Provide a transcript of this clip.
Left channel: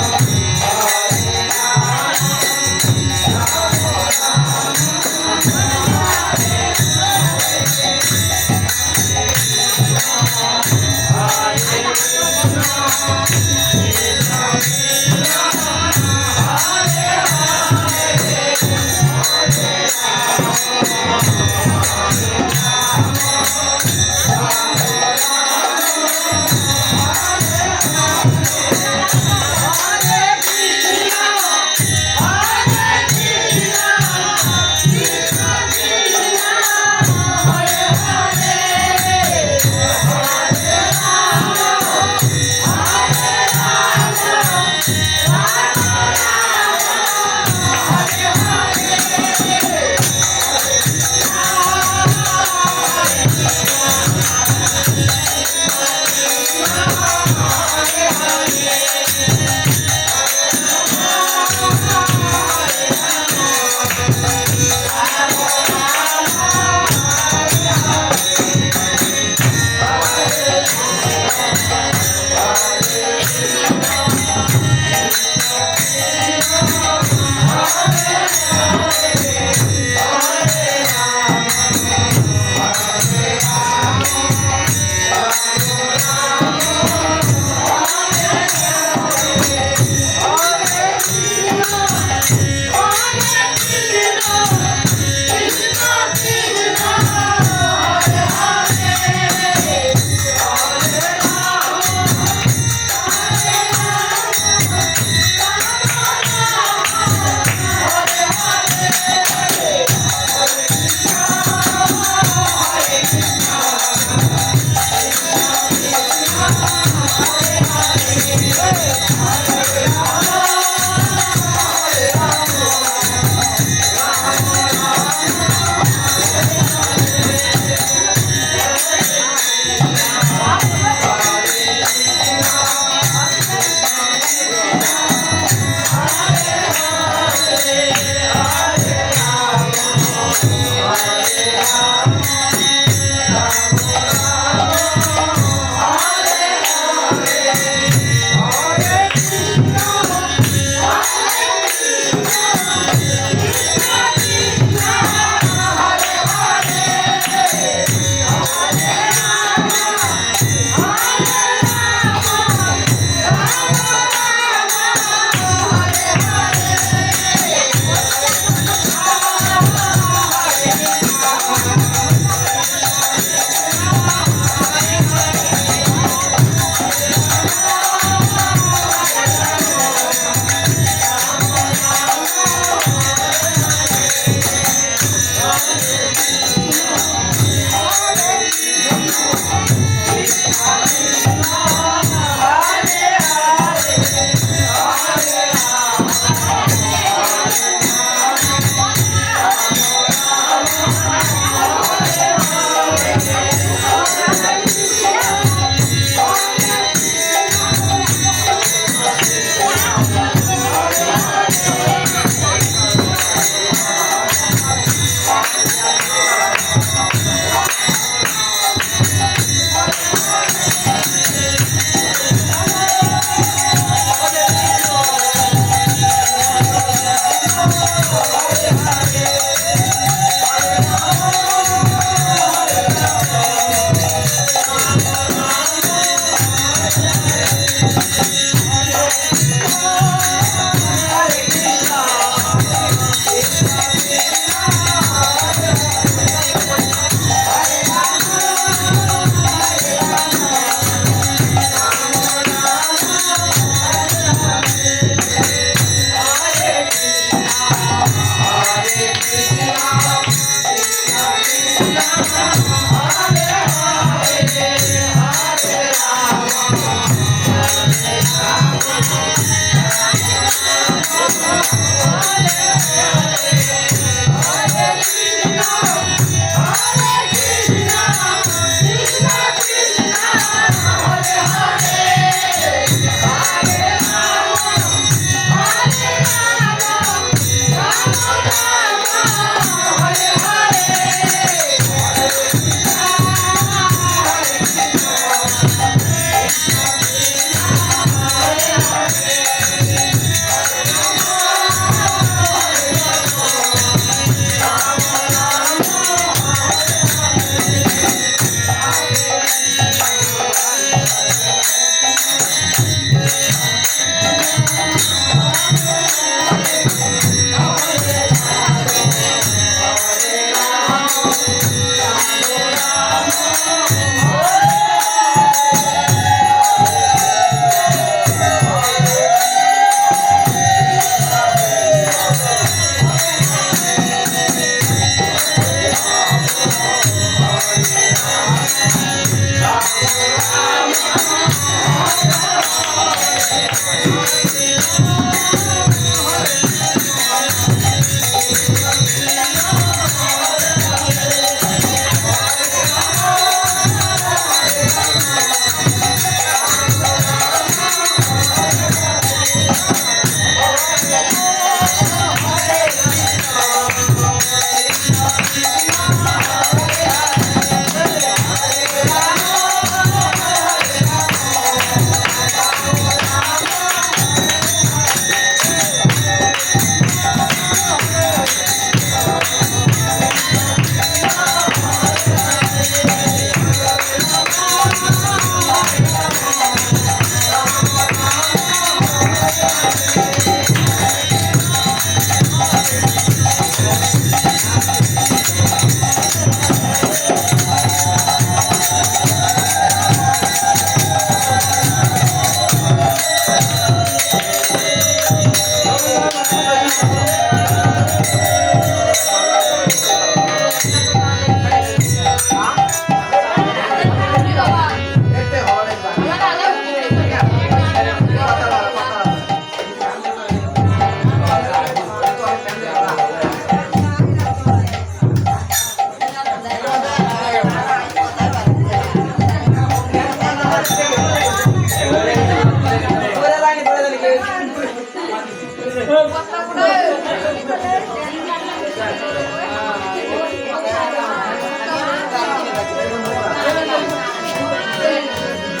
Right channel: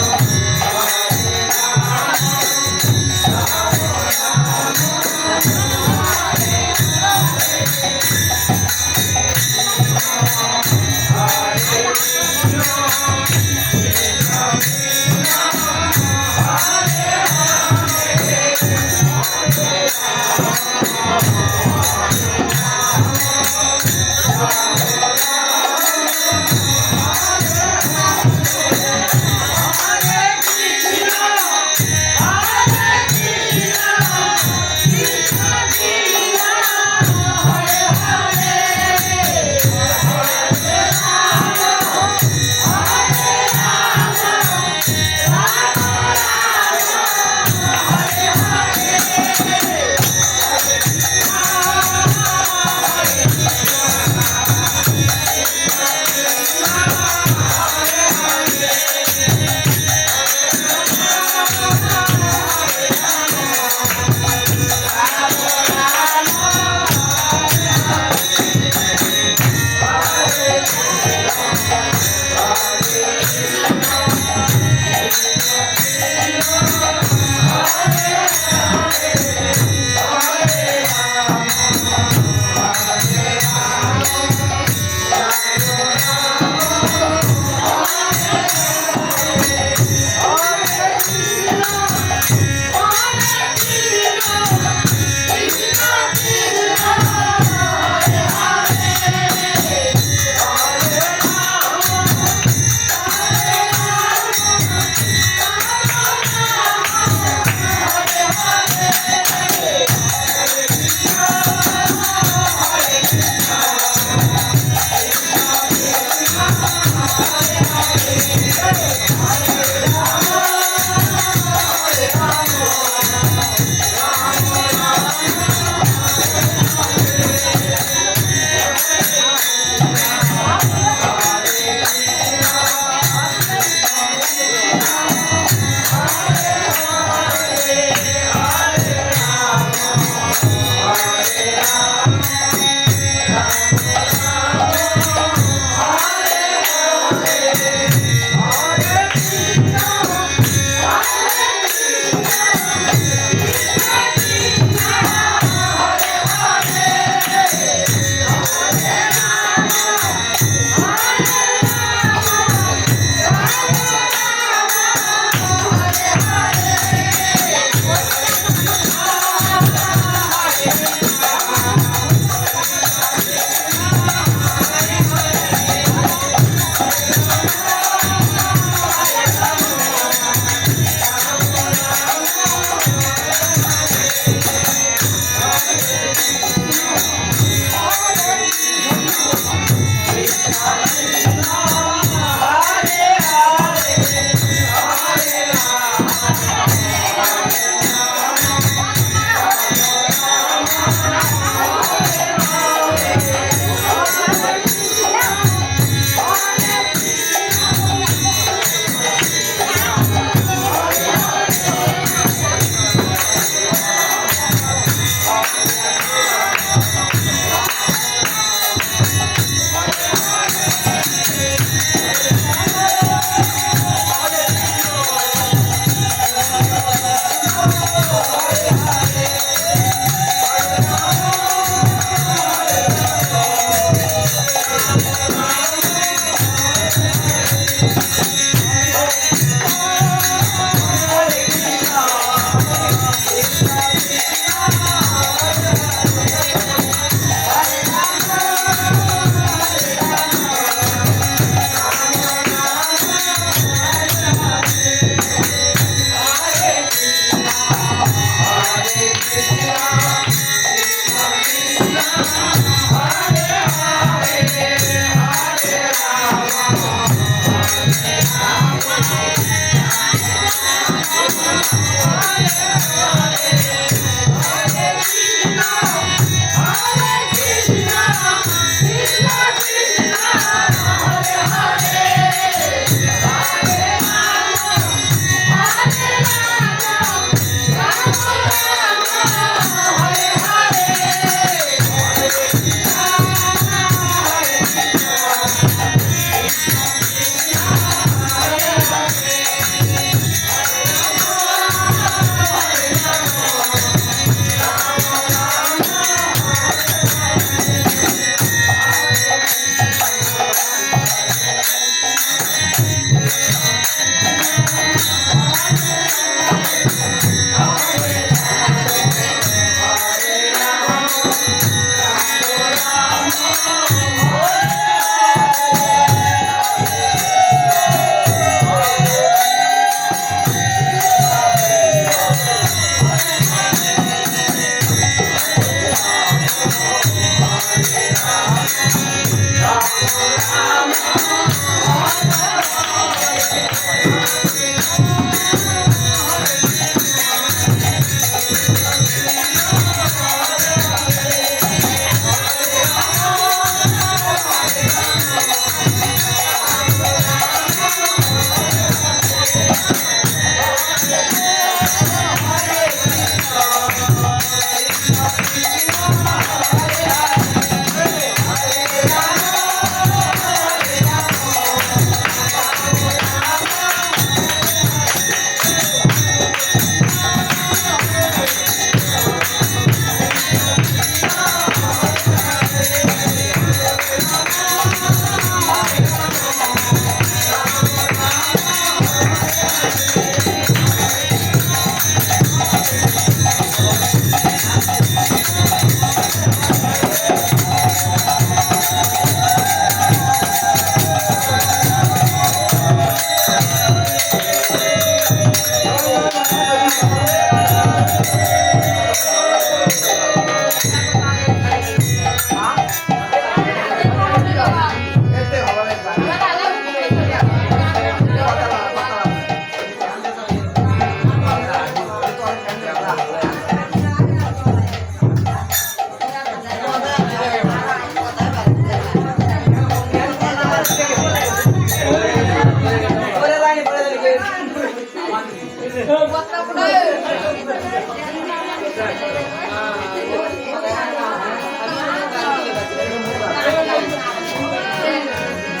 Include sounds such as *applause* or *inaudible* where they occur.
Thank *laughs* you.